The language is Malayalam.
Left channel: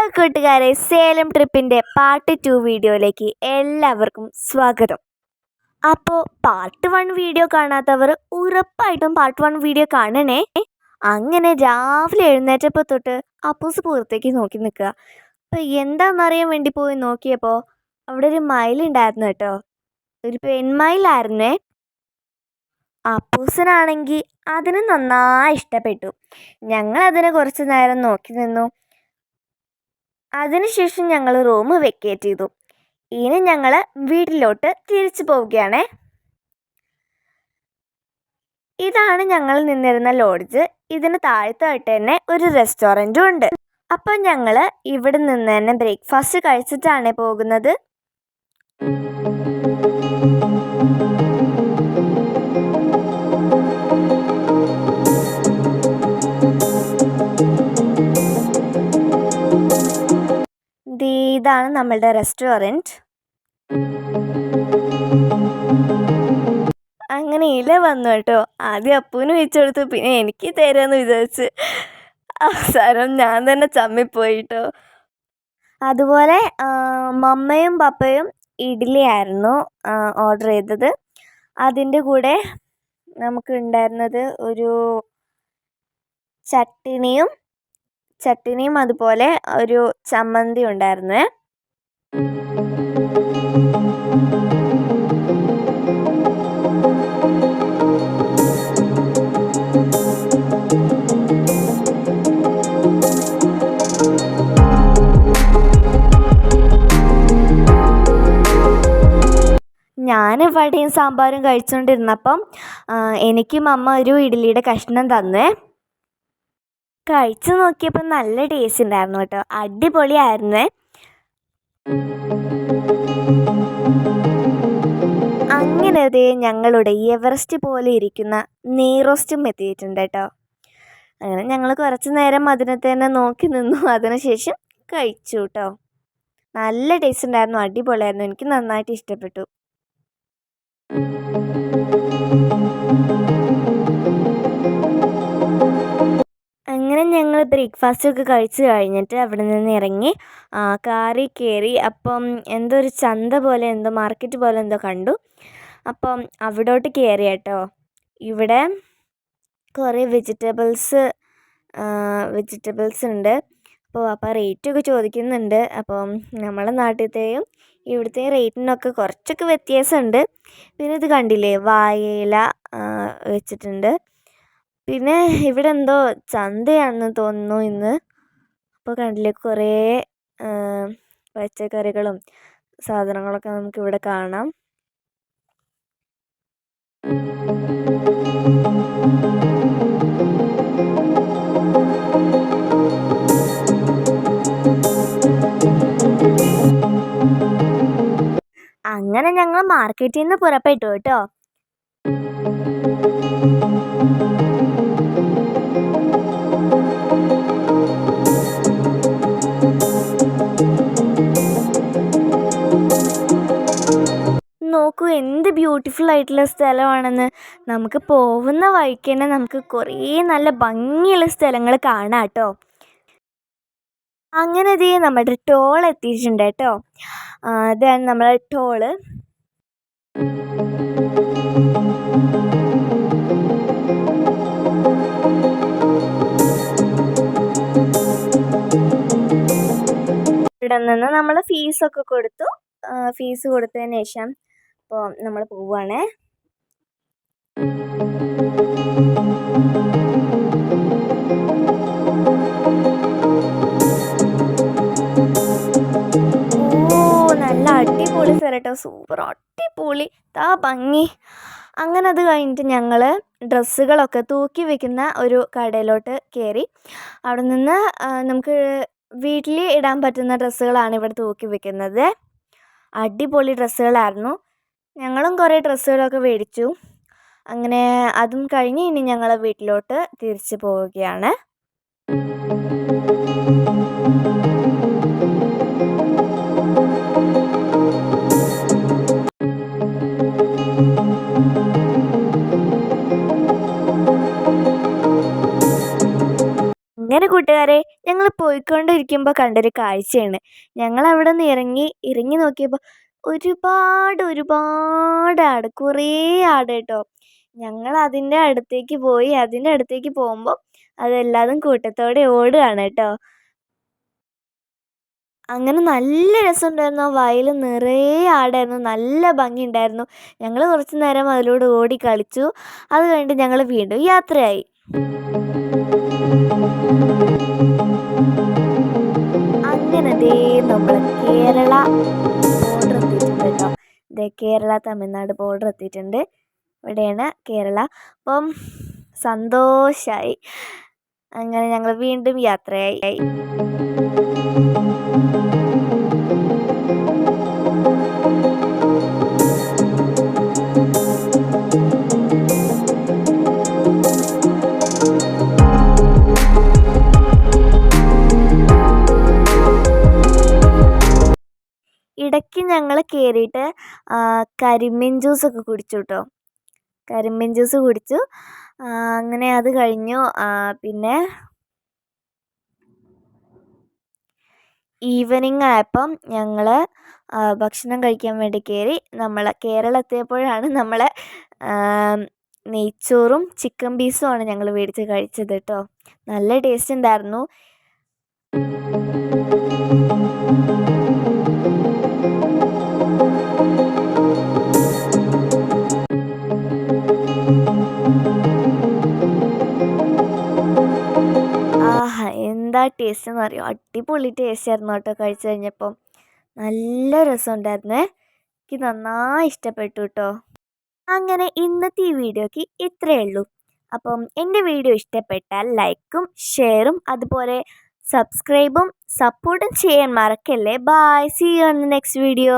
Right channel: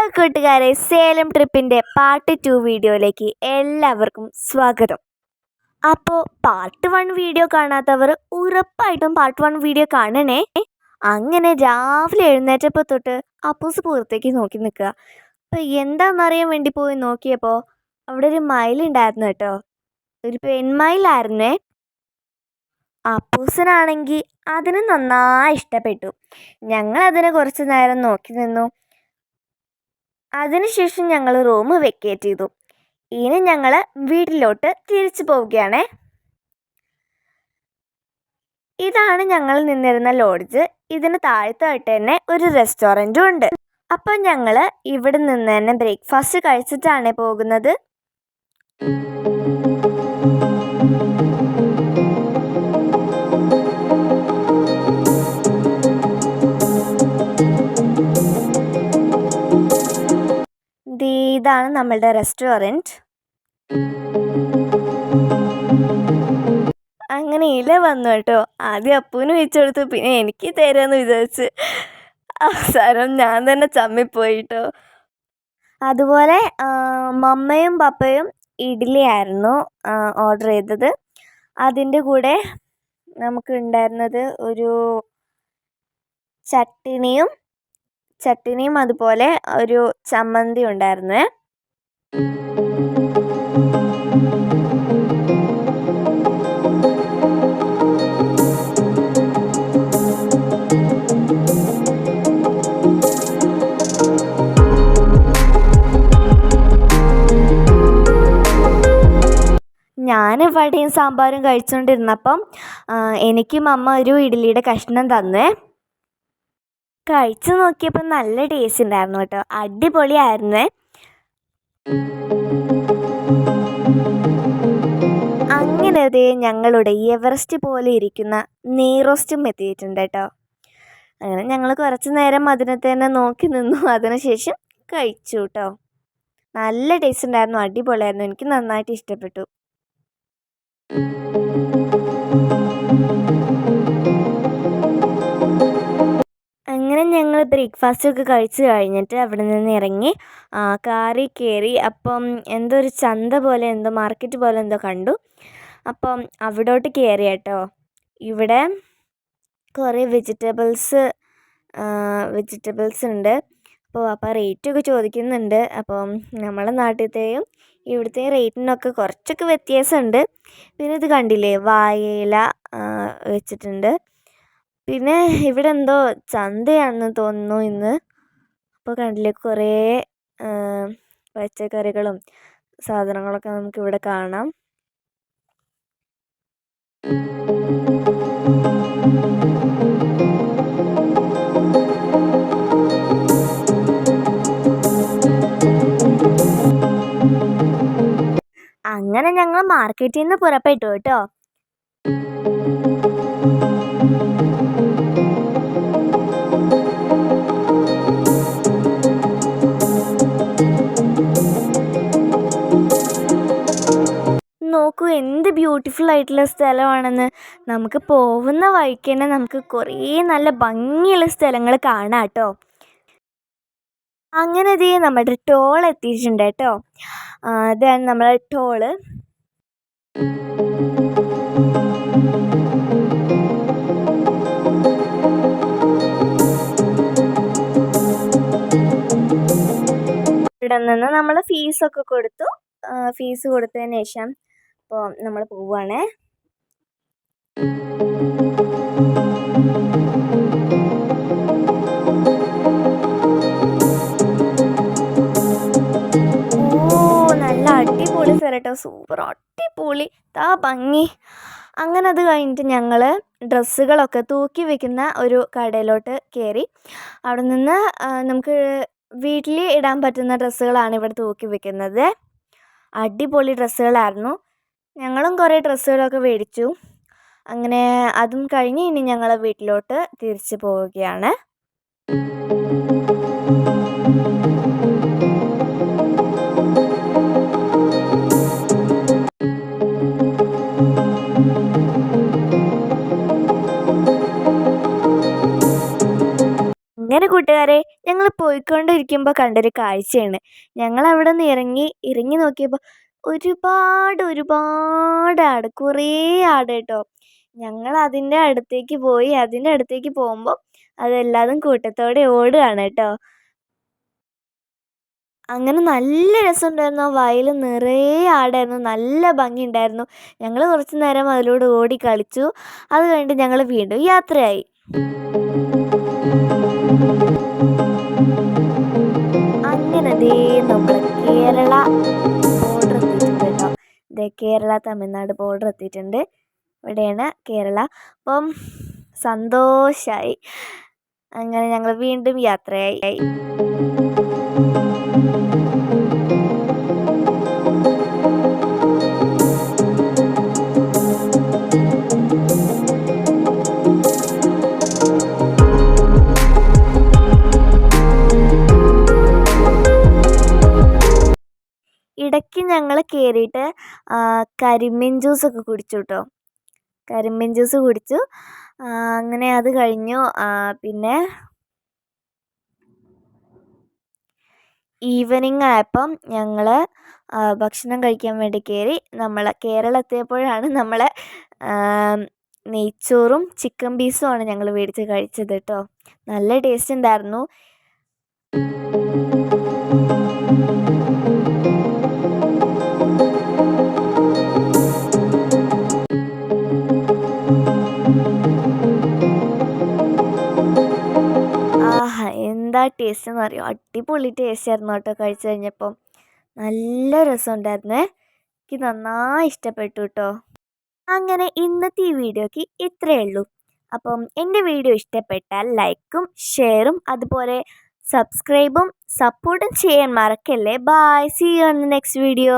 ഹലോ കൂട്ടുകാരെ സേലം ട്രിപ്പിന്റെ പാർട്ട് ടു വീഡിയോയിലേക്ക് എല്ലാവർക്കും സ്വാഗതം. അപ്പോൾ പാർട്ട് വൺ വീഡിയോ കാണാത്തവർ ഉറപ്പായിട്ടും പാർട്ട് വൺ വീഡിയോ കാണണേ. അങ്ങനെ രാവിലെ എഴുന്നേറ്റപ്പോൾ തൊട്ട് അപ്പൂസ് പുറത്തേക്ക് നോക്കി നിൽക്കുക. അപ്പോൾ എന്താണെന്നറിയാൻ വേണ്ടി പോയി നോക്കിയപ്പോൾ അവിടെ ഒരു മയിലുണ്ടായിരുന്നു കേട്ടോ. ഒരു പെൺമയിലായിരുന്നേ അപ്പൂസനാണെങ്കിൽ അതിന് നന്നായി ഇഷ്ടപ്പെട്ടു. ഞങ്ങൾ അതിനെ കുറച്ച് നേരം നോക്കി നിന്നു. അതിനുശേഷം ഞങ്ങൾ റൂം വെക്കേറ്റ് ചെയ്തു. ഇനി ഞങ്ങൾ വീട്ടിലോട്ട് തിരിച്ചു പോവുകയാണ്. ഇതാണ് ഞങ്ങൾ നിന്നിരുന്ന ലോഡ്ജ് ഇതിന് താഴത്തായിട്ട് തന്നെ ഒരു റെസ്റ്റോറന്റും ഉണ്ട്. അപ്പോൾ ഞങ്ങൾ ഇവിടെ നിന്ന് തന്നെ ബ്രേക്ക്ഫാസ്റ്റ് കഴിച്ചിട്ടാണ് പോകുന്നത്. ഇതാണ് നമ്മളുടെ റെസ്റ്റോറന്റ്. അങ്ങനെ ഇല വന്നു കേട്ടോ. ആദ്യം അപ്പൂന് വെച്ച് കൊടുത്തു. പിന്നെ എനിക്ക് തരാമെന്ന് വിചാരിച്ച്. അവസാനം ഞാൻ തന്നെ ചമ്മിപ്പോയി കേട്ടോ. അതുപോലെ മമ്മയും പപ്പയും ഇഡ്ഡലി ആയിരുന്നു ഓർഡർ ചെയ്തത്. അതിന്റെ കൂടെ നമുക്ക് ഉണ്ടായിരുന്നത് ഒരു ചട്ടിണിയും ചട്ടിണിയും അതുപോലെ ഒരു ചമ്മന്തി ഉണ്ടായിരുന്നേ. ഞാൻ വടയും സാമ്പാറും കഴിച്ചുകൊണ്ടിരുന്നപ്പം എനിക്കും അമ്മ ഒരു ഇഡ്ഡലിയുടെ കഷ്ണം തന്നേ. കഴിച്ചു നോക്കിയപ്പോൾ നല്ല ടേസ്റ്റ് ഉണ്ടായിരുന്നു കേട്ടോ. അടിപൊളിയായിരുന്നേ. അങ്ങനെ അതേ ഞങ്ങളുടെ എവറസ്റ്റ് പോലെ ഇരിക്കുന്ന നെയ്റോസ്റ്റും എത്തിയിട്ടുണ്ട് കേട്ടോ. അങ്ങനെ ഞങ്ങൾ കുറച്ച് നേരം അതിനെ തന്നെ നോക്കി നിന്നു. അതിനുശേഷം കഴിച്ചു കേട്ടോ. നല്ല ടേസ്റ്റ് ഉണ്ടായിരുന്നു അടിപൊളിയായിരുന്നു. എനിക്ക് നന്നായിട്ട് ഇഷ്ടപ്പെട്ടു. അങ്ങനെ ഞങ്ങൾ ബ്രേക്ക്ഫാസ്റ്റ് ഒക്കെ കഴിച്ച് കഴിഞ്ഞിട്ട് അവിടെ നിന്ന് ഇറങ്ങി കാറിൽ കയറി അപ്പം എന്തോ ഒരു ചന്ത പോലെ എന്തോ മാർക്കറ്റ് പോലെ എന്തോ കണ്ടു. അപ്പം അവിടോട്ട് കയറി കേട്ടോ. ഇവിടെ കുറേ വെജിറ്റബിൾസ് വെജിറ്റബിൾസ് ഉണ്ട്. അപ്പോൾ അപ്പോൾ റേറ്റൊക്കെ ചോദിക്കുന്നുണ്ട്. അപ്പം നമ്മളെ നാട്ടിലത്തെയും ഇവിടുത്തെ റേറ്റിനൊക്കെ കുറച്ചൊക്കെ വ്യത്യാസമുണ്ട്. പിന്നെ ഇത് കണ്ടില്ലേ വാഴയില വെച്ചിട്ടുണ്ട്. പിന്നെ ഇവിടെ എന്തോ ചന്തയാണെന്ന് തോന്നുന്നു ഇന്ന്. അപ്പോൾ കണ്ടില്ലേ കുറേ പച്ചക്കറികളും സാധനങ്ങളൊക്കെ നമുക്ക് ഇവിടെ കാണാം. അങ്ങനെ ഞങ്ങൾ മാർക്കറ്റിൽ നിന്ന് പുറപ്പെട്ടു കേട്ടോ. നോക്കൂ എന്ത് ബ്യൂട്ടിഫുൾ ആയിട്ടുള്ള സ്ഥലമാണെന്ന്. നമുക്ക് പോകുന്ന വഴിക്ക് തന്നെ നമുക്ക് കുറേ നല്ല ഭംഗിയുള്ള സ്ഥലങ്ങൾ കാണാം കേട്ടോ. അങ്ങനെ ഇതേ നമ്മുടെ ടോൾ എത്തിയിട്ടുണ്ട് കേട്ടോ. ഇതാണ് നമ്മളെ ടോൾ ഇവിടെ നിന്ന് നമ്മൾ ഫീസൊക്കെ കൊടുത്തു. ഫീസ് കൊടുത്തതിന് ശേഷം അപ്പോൾ നമ്മൾ പോവുകയാണേ നല്ല അടിപൊളി സ്ഥലം സൂപ്പർ അടിപൊളി. താ ഭംഗി. അങ്ങനെ അത് കഴിഞ്ഞിട്ട് ഞങ്ങൾ ഡ്രസ്സുകളൊക്കെ തൂക്കി വെക്കുന്ന ഒരു കടയിലോട്ട് കയറി അവിടെ നിന്ന് നമുക്ക് വീട്ടിൽ ഇടാൻ പറ്റുന്ന ഡ്രസ്സുകളാണ് ഇവിടെ തൂക്കി വെക്കുന്നത്. അടിപൊളി ഡ്രസ്സുകളായിരുന്നു. ഞങ്ങളും കുറേ ഡ്രസ്സുകളൊക്കെ മേടിച്ചു. അങ്ങനെ അതും കഴിഞ്ഞ് ഇനി ഞങ്ങൾ വീട്ടിലോട്ട് തിരിച്ചു പോവുകയാണ്. അങ്ങനെ കൂട്ടുകാരെ ഞങ്ങൾ പോയിക്കൊണ്ടിരിക്കുമ്പോൾ കണ്ടൊരു കാഴ്ചയാണ്. ഞങ്ങൾ അവിടെ നിന്ന് ഇറങ്ങി ഇറങ്ങി നോക്കിയപ്പോൾ ഒരുപാട് ഒരുപാട് ആട് കുറേ ആട് കേട്ടോ. ഞങ്ങൾ അതിന്റെ അടുത്തേക്ക് പോയി അതിന്റെ അടുത്തേക്ക് പോകുമ്പോൾ അതെല്ലാതും കൂട്ടത്തോടെ ഓടുകയാണ് കേട്ടോ. അങ്ങനെ നല്ല രസമുണ്ടായിരുന്നു. ആ വയൽ നിറയെ ആടായിരുന്നു. നല്ല ഭംഗി ഉണ്ടായിരുന്നു ഞങ്ങൾ കുറച്ച് നേരം അതിലൂടെ ഓടി കളിച്ചു. അത് കഴിഞ്ഞിട്ട് ഞങ്ങൾ വീണ്ടും യാത്രയായി. അങ്ങനെ ദേ നമ്മളെ കേരള ബോർഡർ എത്തിയിട്ടുണ്ട് കേട്ടോ. ദേ കേരള തമിഴ്നാട് ബോർഡർ എത്തിയിട്ടുണ്ട്. ഇവിടെയാണ് കേരള. അപ്പം സന്തോഷമായി അങ്ങനെ ഞങ്ങൾ വീണ്ടും യാത്രയായി. ഞങ്ങൾ കയറിയിട്ട് കരിമ്പിൻ ജ്യൂസൊക്കെ കുടിച്ചു കേട്ടോ കരിമ്പിൻ ജ്യൂസ് കുടിച്ചു. അങ്ങനെ അത് കഴിഞ്ഞു. പിന്നെ ഈവനിങ് ആയപ്പം ഞങ്ങൾ ഭക്ഷണം കഴിക്കാൻ വേണ്ടി കയറി നമ്മൾ കേരളം നമ്മൾ നെയ്ച്ചോറും ചിക്കൻ പീസുമാണ് ഞങ്ങൾ മേടിച്ച് കഴിച്ചത് കേട്ടോ നല്ല ടേസ്റ്റ് ഉണ്ടായിരുന്നു. ആഹാ എന്താ ടേസ്റ്റ് എന്ന് അറിയോ? അടിപൊളി ടേസ്റ്റ് ആയിരുന്നു കേട്ടോ കഴിച്ചു കഴിഞ്ഞപ്പം. നല്ല രസമുണ്ടായിരുന്നേ എനിക്ക് നന്നായി ഇഷ്ടപ്പെട്ടു കേട്ടോ അങ്ങനെ ഇന്നത്തെ ഈ വീഡിയോക്ക് ഇത്രയേ ഉള്ളൂ. അപ്പം എന്റെ വീഡിയോ ഇഷ്ടപ്പെട്ടാൽ ലൈക്കും ഷെയറും അതുപോലെ സബ്സ്ക്രൈബും സപ്പോർട്ടും ചെയ്യാൻ മറക്കല്ലേ? Bye. See you on next video